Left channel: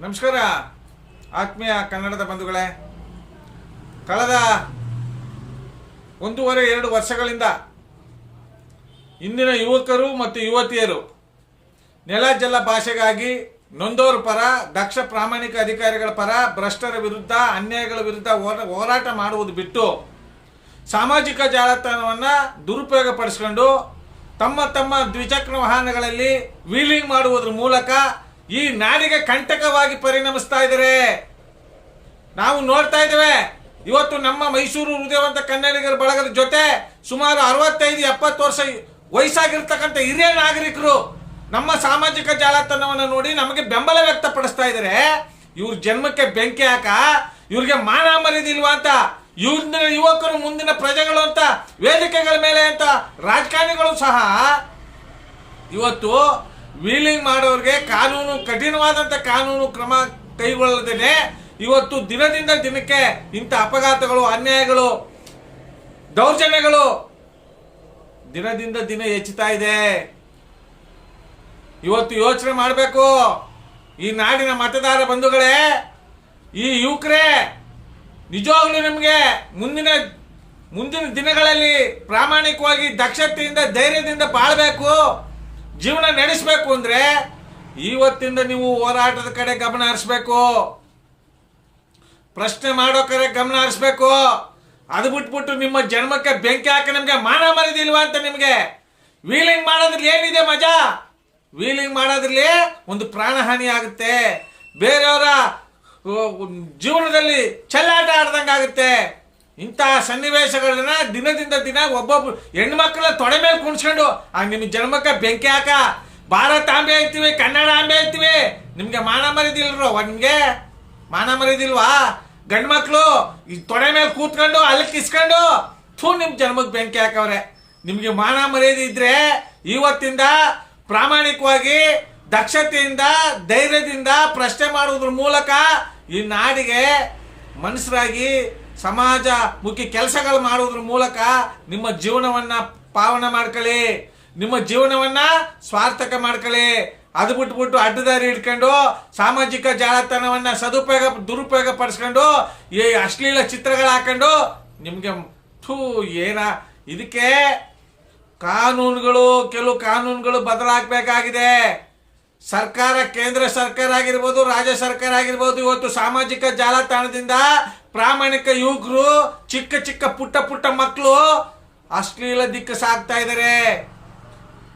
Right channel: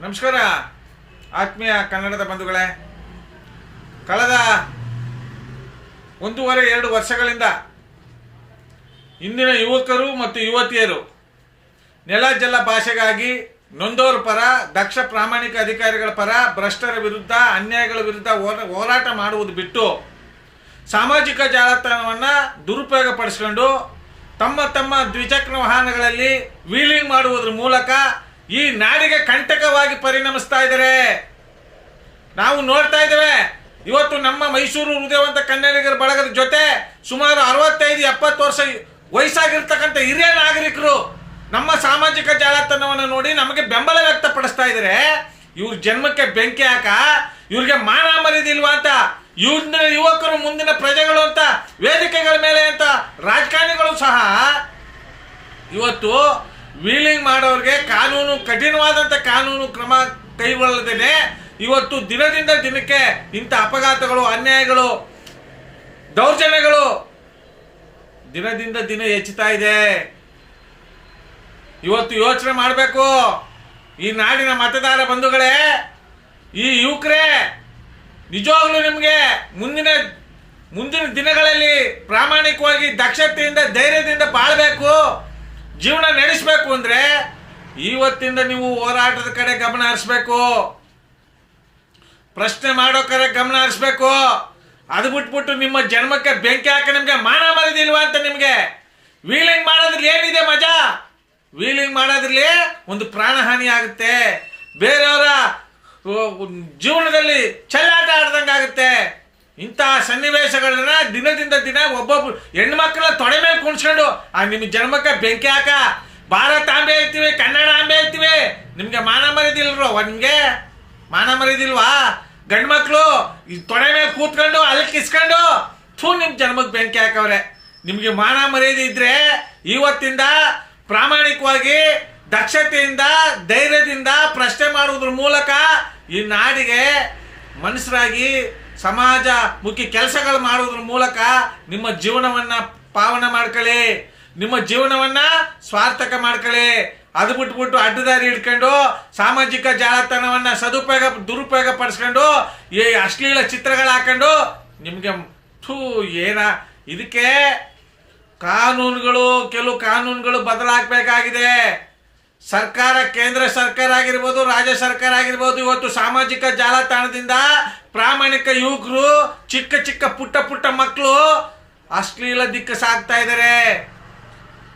ನಮಸ್ಕಾರ, ಆತ್ಮೀಯ ಕನ್ನಡದ ಬಂಧುಗಳೇ. ಕಳೆದ ಒಂದೂವರೆ, ಎರಡು ವರ್ಷಗಳಿಂದ ಇಂದಿನ ಯುವಕರು ಮತ್ತು ಯುವತಿಯರು ನೆಲ ಜಲ ಭಾಷೆಗಾಗಿ ನೊಂದೋರ ಪರ, ದಕ್ಷ ಪ್ರಾಮಾಣಿಕ ಅಧಿಕಾರಿಗಳ ಪರ, ಭ್ರಷ್ಟರ ವಿರುದ್ಧ, ಅನ್ಯಾಯಗಳ ವಿರುದ್ಧ ಹೋರ- ಹೋರಾಟ ಮಾಡುವುದು ಬಿಟ್ಟು ಸಾಮಾಜಿಕ ಜಾಲತಾಣವನ್ನು ದುರುಪಯೋಗ ಪಡಿಸ್ಕೊಂಡು ತಮ್ಮ ತಮ್ಮ ದ್ವಿಚಕ್ರ ವಾಹನಗಳಲ್ಲಿ ವೀಲಿಂಗ್ ಮಾಡುವುದರ ಮೂಲಕ ಈ ನಾಡಿಗೆ ಕಂಟಕವಾಗಿ ಪರಿಣಮಿಸ್ತಾ ಇದ್ದಾರೆ. ನಾವು ನೋಡ್ತಾ ಇದ್ದೇವೆ, ಇವತ್ತು ನಮ್ಮ ಮೈಸೂರು ಹೃದಯವಂತ ಕನ್ನಡಿಗರ ಬಳಗದ ಜೊತೆ ಸುಮಾರು ಅರವತ್ತೈದು, ಎಪ್ಪತ್ತು ವರ್ಷ ವಯಸ್ಸಾಗಿರ್ತಕ್ಕಂಥ ಹಿರಿಯ ನಾಗರಿಕರು ನಮ್ಮ ಸಾಮಾಜಿಕ ಜಾಲತಾಣವನ್ನು ನೋಡಿ ನಮಗೆ ಬೆಂಬಲ ವ್ಯಕ್ತಪಡಿಸ್ತಾ ಇದ್ದಾರೆ. ಇವ್ರ ಜನ್ಮಕ್ಕೆ ಬೆಂಕಿ ಹಾಕ, ಇವ್ರಿಗೆ ಮಾನ ಮರಿದಿಲ್ವಾ ಅಂತ ಇವ್ರ ಯುವಕರು ಮುಂದಿನ ಪ್ರಜೆಗಳು ಅಂತ, ವೇದಿಕೆಗಳ ಮೇಲೆ ಅಂತ, ರಾಜಕಾರಣಿಗಳು ಸಹ ಇವತ್ತು ವೀಲಿಂಗ್ ಮಾಡೋರಿಗೆ ಕಾನೂನು, ಕಠಿಣವಾದಂತ ಕಾನೂನು ಕ್ರಮ ಕೈಗೊಳ್ಳದೇನೆ ಇವತ್ತು ದಿನದಿಂದ ದಿನಕ್ಕೆ ಇಂಥ ಅಪಘಾತಗಳು, ಅನ್ಯಾಯಗಳು, ದೌರ್ಜನ್ಯಗಳು ದಿನದಿಂದ ದಿನ ಹೆಚ್ಚುತ್ತಾ ಇದೆ. ಇವತ್ತು ಯೋಚನೆ ಮಾಡಬೇಕು. ಈ ನಾಡಿನ ಮತದಾರ ಬಂಧುಗಳೇ, ಈ ಯುವಕರೇ, ನಿಜವಾಗ್ಲೂ ನಿಮಗೆ ಮುಂದಿನ ಮುಂದಿನ ದಿನಗಳಲ್ಲಿ ಪ್ರಾಮಾಣಿಕವಾಗಿ ದಕ್ಷತೆಯಿಂದ ಧೈರ್ಯದಿಂದ ಬಾಳ್ಬೇಕು. ಜೀವನ ನಡೆಸಬೇಕು ಅಂದ್ರೆ ಇವತ್ತಿಂದ ನೀವು ಹೋರಾಟದ ಕಡೆ ಗಮನ ಹರಿಸ್ಬೇಕು. ಪ್ರಶ್ನೆ ಮಾಡೋ ಕಡೆ ಗಮನ ಹರಿಸ್ಬೇಕು. ಅದು ಬಿಟ್ಬಿಟ್ಟು ನಿಮ್ಮ ಜನ್ಮಕ್ಕೆ ಬೆಂಕಿ ಹಾಕಿ ನಿಮ್ಗೆ ಮಾನ ಮರದಿಲ್ವಾ ಅಂತ ನಿಮ್ಗೆ? ವೀಲಿಂಗ್ ಮಾಡೋದ್ರಲ್ಲಿ ಏನಿದೆ ಮಜಾ? ವೀಲಿಂಗ್ ಮಾಡೋದ್ರಲ್ಲಿ ಒಂದು ಪ್ರಾಣಹಾನಿ ಆಗುತ್ತೆ. ಬೇರೆಯವರ ಜೀವನದಲ್ಲಿ ಚೆಲ್ಲಾಟ ಆಡ್ದಂಗಾಗುತ್ತೆ. ಇಂತಹ ಸನ್ನಿವೇಶಗಳನ್ನ ದಿನದಿಂದ ದಿನ ಒಬ್ಬೊಬ್ರು ಹೆಣ್ಮಕ್ಳ ತೊಡೆ ಮೇಲೆ ಕುಣಿಸ್ಕೊಂಡು, ಆ ನಿಮ್ಮ ಜನ್ಮಕ್ಕೆ ಬೆಂಕಿ ಹಾಕ. ಭಾರತ ಆಂಬೆ ಐತಿವಿ, ಕನ್ನಡ ಆಂಬೆ ಐತಿವಿ. ನಿಮ್ಗೆ ಮಾನ ಮರಿದಿಲ್ರು ನಿಮ್ಗೆ? ಮಾನ ಮರಿದಿಲ್ವಾ ಗಂಡ್ ಮಕ್ಳು, ಈ ತೊಡೆ ಮೇಲೆ ಕೂತ್ಕೊಂಡು, ಅಲ್ಲಿ ಕಿಸ್ಕೊಂಡು, ಥೂ, ನಿಮ್ ಜನ್ಮಕ್ಕೆ ಬೆಂಕಿ ಹಾಕವ್ರೆ. ನಿಮ್ಗೆ ಮಾನ ಮರ್ಯಾದೆ ಇದ್ರೆ ಇವತ್ತಿಂದ ಪ್ರಾಮಾಣಿಕವಾಗಿ ದಕ್ಷತೆಯಿಂದ, ಧೈರ್ಯದಿಂದ ಪ್ರಶ್ನೆ ಮಾಡುವುದ್ರ ಮೂಲಕ ಈ ನಾಡಿಗೆ ಮನುಷ್ಯರಾಗಿ ಸಮಾಜ ಮುಖ್ಯ ಕೆಲಸಗಳು ಮಾಡುವುದ್ರ ಮೂಲಕ ನಿಮ್ಮ ಜೀವನವನ್ನ ಪಾವನ ಮಾಡ್ಕೊಳ್ಳಿ ನಿಮ್ಮ ಜೀವನವನ್ನ ಸ್ವಾರ್ಥಕ ಮಾಡ್ಕೊಳ್ಳಿ ಅದು ಬಿಟ್ಬಿಟ್ಟು ಅಡ್ಡದಾರಿ ಇಟ್ಕೊಂಡು ಸಾಮಾಜಿಕ ಜಾಲತಾಣವನ್ನ ಸದುಪಯೋಗ, ದುರುಪಯೋಗ ಪಡಿಸ್ಕೊಂಡು ಈ ಅಶ್ಲೀಲ ಚಿತ್ರಗಳು ಹಾಕೊಂಡು ನಿಮ್ಗೆ ಥೂ ಏನ ಇದಕ್ಕೆ ಕಾನೂನುಗಳು, ಕೆಲವು ಕಾನೂನುಗಳು ಬದಲಾಗಬೇಕಾಗಿದೆ. ಸರ್ಕಾರ, ಕೇಂದ್ರ ಸರ್ಕಾರ ಆಗಿರ್ಬೋದು, ರಾಜ್ಯ ಸರ್ಕಾರ ಆಗಿರ್ಬೋದು, ಇವತ್ತು ಸಾಮಾಜಿಕ ಜಾಲತಾಣದಿಂದ ಪ್ರಾಮಾಣಿಕ ಯುವಕರು, ಚಿಕ್ಕ ಚಿಕ್ಕ ಪುಟ್ಟ ಪುಟ್ಟ ಮಕ್ಕಳು ಅಶ್ಲೀಲ ದಿಕ್ಕ ಸಾಗ್ತಾ ಇದ್ದಾರೆ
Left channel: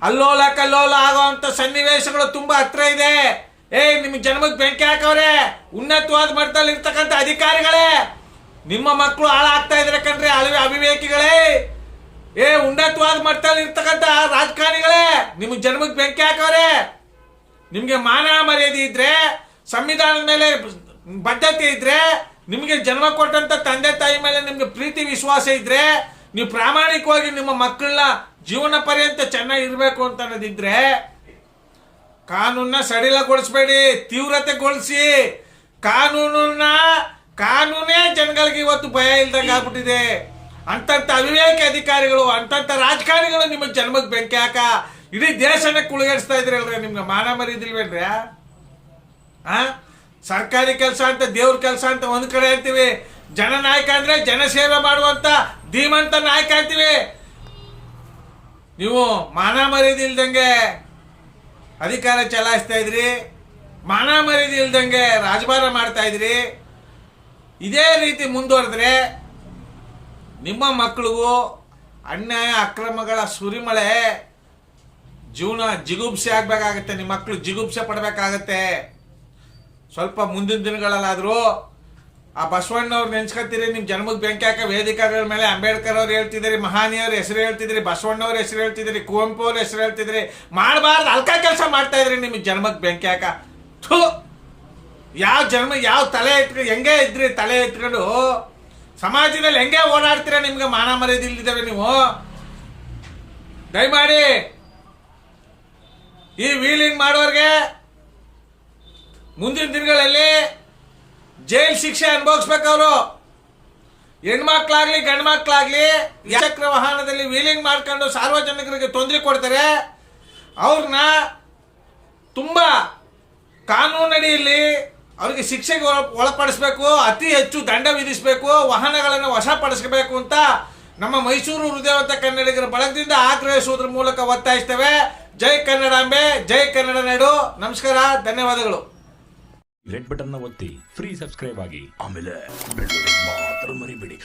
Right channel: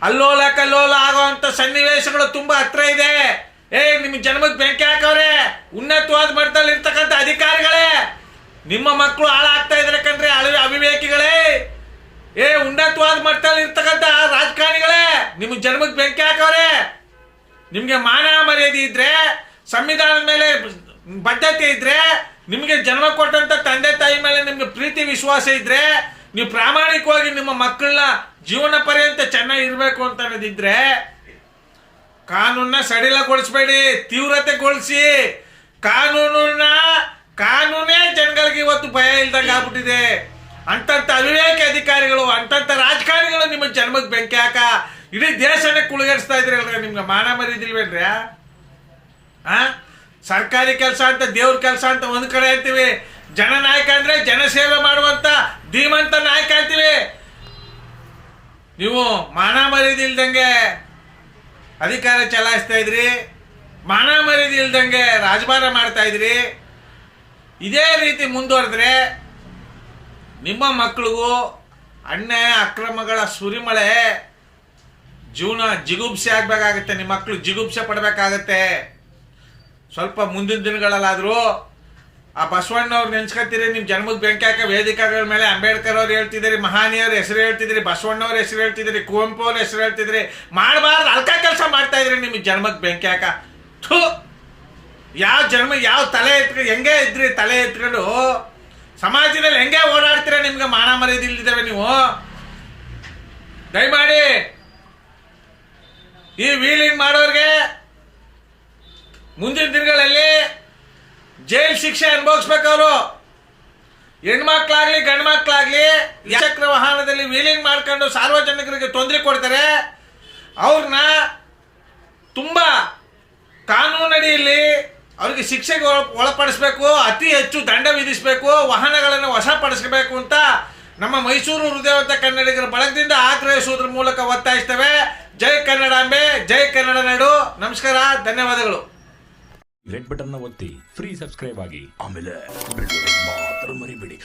ಅಲ್ಲೋಲ ಕಲ್ಲೋಲ ಆಗುವಂತ ಸನ್ನಿವೇಶಗಳು ತುಂಬಾ ಹತ್ರ ಇದೆ. ಏ ನಿಮ್ ಜನ್ಮಕ್ಕೆ ಬೆಂಕಿ ಹಾಕವ್ರೆ. ಉನ್ನತವಾದ ಮಟ್ಟದಲ್ಲಿ ಇರ್ತಕ್ಕಂಥ ಅಧಿಕಾರಿಗಳೇ, ನಿಮ್ಮ ಮಕ್ಕಳು ಹಾಳಾಗ್ತಾ ಇದಾರೆ ಕಣ್ರಿ ಅಳವಿ ಅವಿವೇಕಿಗಳೇ. ಏ, ಉನ್ನತವಾದ ಮಟ್ಟದಲ್ಲಿ ಇರ್ತಕ್ಕಂಥ ರಾಜಕಾರಣಿಗಳೇ ನಿಮ್ ಜನ್ಮಕ್ಕೆ ಬೆಂಕಿ ಹಾಕವ್ರೆ. ನಿಮ್ಗೆ ಮಾನ ಮರ್ಯಾದೆ ಇದ್ರೆ, ಸಂವಿಧಾನದ ಮೇಲೆ ಬದ್ಧತೆ ಇದ್ರೆ, ನಿಮಗೆ ಜನ್ಮ ಕೊಟ್ಟಂತ ತಂದೆ ತಾಯಿ ಮೇಲೆ ನಿಮ್ಗೆ ಪ್ರೀತಿ ವಿಶ್ವಾಸ ಇದ್ರೆ, ನೀವು ಪ್ರಾಮಾಣಿಕವಾಗಿ ನಿಮ್ಮ ಮಕ್ಕಳನ್ನ ಜೀವನ ಪರ್ಯಂತ ಚೆನ್ನಾಗಿ ಇರಬೇಕು ಅಂತ ಅನ್ನೋದಿದ್ರೆ ಕಾನೂನ ಸಡಿಲಗೊಳಿಸಬೇಡಿ, ತೀವ್ರತೆಗೊಳಿಸಿ. ಕಾನೂನನ್ನ, ಕಾನೂನೇ ಜನಗಳಿಗೆ ಇವತ್ತು ಭಯ ಇಲ್ದಂಗೆ ಆಗ್ಬಿಟ್ಟಿದೆ. ಅಂತಂತ ಅವಿವೇಕ ಅಧಿಕಾರಿಗಳು, ಅಂತಂತ ರಾಜಕಾರಣಿಗಳು ನಿಮ್ಮ ಜನ್ಮಕ್ಕೆ ಬೆಂಕಿ ಹಾಕ ಇಡೀ ದೇಶನೇ ಇದ್ರಿ ಅಲ್ರಿ, ನಿಮ್ಗೆ ಮಾನ ಮರಿದಿಲ್ವೇನ್ರಿ ಆ? ಸರ್ಕಾರಿ ಕೆಲಸ ಅಂತ, ದೇವ್ರ ಕೆಲಸ ಅಂತ ಒಂದ್ ಕಡೆ ಅಂತೀವಿ. ಜನನಾಯಕ ಅಂದ್ರೆ ಜನಸೇವೆ ಮಾಡುವಂತ ಧೀಮಂತ ನಾಯಕ ಅಂತೀವಿ. ನೀವು ಮಾನ ಮರಿದಿಲ್ದಂಗೆ ಅಧಿಕಾರ ಚಲಾಯಿಸ್ತಾ ಇದ್ರಿ, ಮಾನ ಮರಿದಿಲ್ದಂಗೆ ರಾಜಭಾರ ಮಾಡ್ತಾ ಇದ್ರಿ. ಇದೇ ರೀತಿ ಮುಂದುವರೆದ್ರೆ ನಿಮ್ಮ ಮಕ್ಕಳಿಗೂ ಅನ್ಯಾಯ, ಅಕ್ರಮಗಳ ಸುರಿಮಳೆ ಜೀವನ ಜಿಗುಪ್ಸೆ ಆಗ್ಬೇಕಾಗತ್ತೆ ನಿಮ್ಮ ಮಕ್ಕಳು ಜಿಗುಪ್ಸೆ ಪಡಬೇಕಾಗತ್ತೆ. ಸ್ವಲ್ಪ ಮುಂದಿನ ದಿನಗಳಲ್ಲಾದರೂ ಆ ಬಸವಣ್ಣವ್ರು ನೆನ್ಸ್ಕೊತೀರಿ ನಿಮ್ಮ ಜನ್ಮದ ಬೆಂಕಿ ಹಾಕ ವೇದಿಕೆಗಳ ಮೇಲೆ ಅಂಬೇಡ್ಕರ್ ಅವ್ರು ಹೇಳ್ತಿದ್ದೀರಿ, ಮಹಾನಿಯವ್ರ ಹೆಸರು ಹೇಳ್ತಿದ್ರಿ ಬಸವಣ್ಣವ್ರ ಹೆಸರು ಹೇಳ್ತಿದ್ರಿ ಕುವೆಂಪು ಅವ್ರ ಹೆಸರು ಹೇಳ್ತಿದ್ರಿ ಮಾಡಬಾರ್ದು, ಅಲ್ಕ ಕೆಲಸ ಮಾಡ್ತಾ ಇದ್ರಿ ನಿಮ್ಮ ಜನ್ಮಕ್ಕೆ ಬೆಂಕಿ ಹಾಕ. ಥು, ಯಾವ ಜನ್ಮ, ಯಾವ ತಲೆ ಎತ್ಕೊಂಡು ಹೆಂಗೆ ಇದ್ರಿ ತಲೆ ಎತ್ಕೊಂಡು? ಸಮಾಜದಲ್ಲಿ ಹೆಂಗೆ ಓಡಾಡ್ತೀರಾ ನಿಮ್ಗೆ ಮಾನ ಮರ್ಯಾದೆ ಇಲ್ದಿದ್ದಾವೆ ನೀವು? ದಯಮಾಡಿ ಈ ವೀಲಿಂಗ್ ಮಾಡೋರಿಗೆ ಮುಂದಿನ ದಿನಗಳಲ್ಲಿ ಜೈಲ್ ಶಿಕ್ಷೆ ಅನುಭವಿಸ್ಬೇಕು ಅವರು ಹೆಣ್ಮಕ್ಳಾಗ್ಲಿ ಗಂಡು ಮಕ್ಳಾಗ್ಲಿ ಚಕ್ರ ವಾಹನದಲ್ಲಿ ವೀಲಿಂಗ್ ಮಾಡ್ಕೊಂಡು ಸಾರ್ವಜನಿಕರಿಗೆ ತೊಂದರೆ ಕೊಡ್ತಾರೆ. ಅವ್ರನ್ನ ತುಂಬ ಕಾನೂನಡಿಯಲ್ಲಿ ಅವ್ರಿಗೆ ಶಿಕ್ಷೆಗೆ ಒಳ- ಒಳಪಡಿಸಬೇಕು, ಅತಿ ಹೆಚ್ಚು ದಂಡ ವಿಧಿಸಬೇಕು, ವಾಹನಗಳನ್ನು ವಶಪಡಿಸಬೇಕು ಅಂತ ನಮ್ಮ ಮೈಸೂರು ಹೃದಯವಂತ ಕನ್ನಡಿಗರ ಬಳಗದಿಂದ ಆಗ್ರಹಿಸುವುದರ ಮೂಲಕ ಒತ್ತಾಯಿಸ್ತೇವೆ. ಜೈ ಕನ್ನಡಾಂಬೆ ಜೈ ಕನ್ನಡ ನಾಡು ನಮಸ್ಕಾರ, ಧನ್ಯವಾದಗಳು. ರೆಡ್ ಬಟನ್ ಒತ್ತಿ ಫ್ರೀ ಸಬ್ಸ್ಕ್ರೈಬ್ ಆಗಿ ಆಮೇಲೆ ಮಾತ್ರ ಮರಿಬೇಡಿ.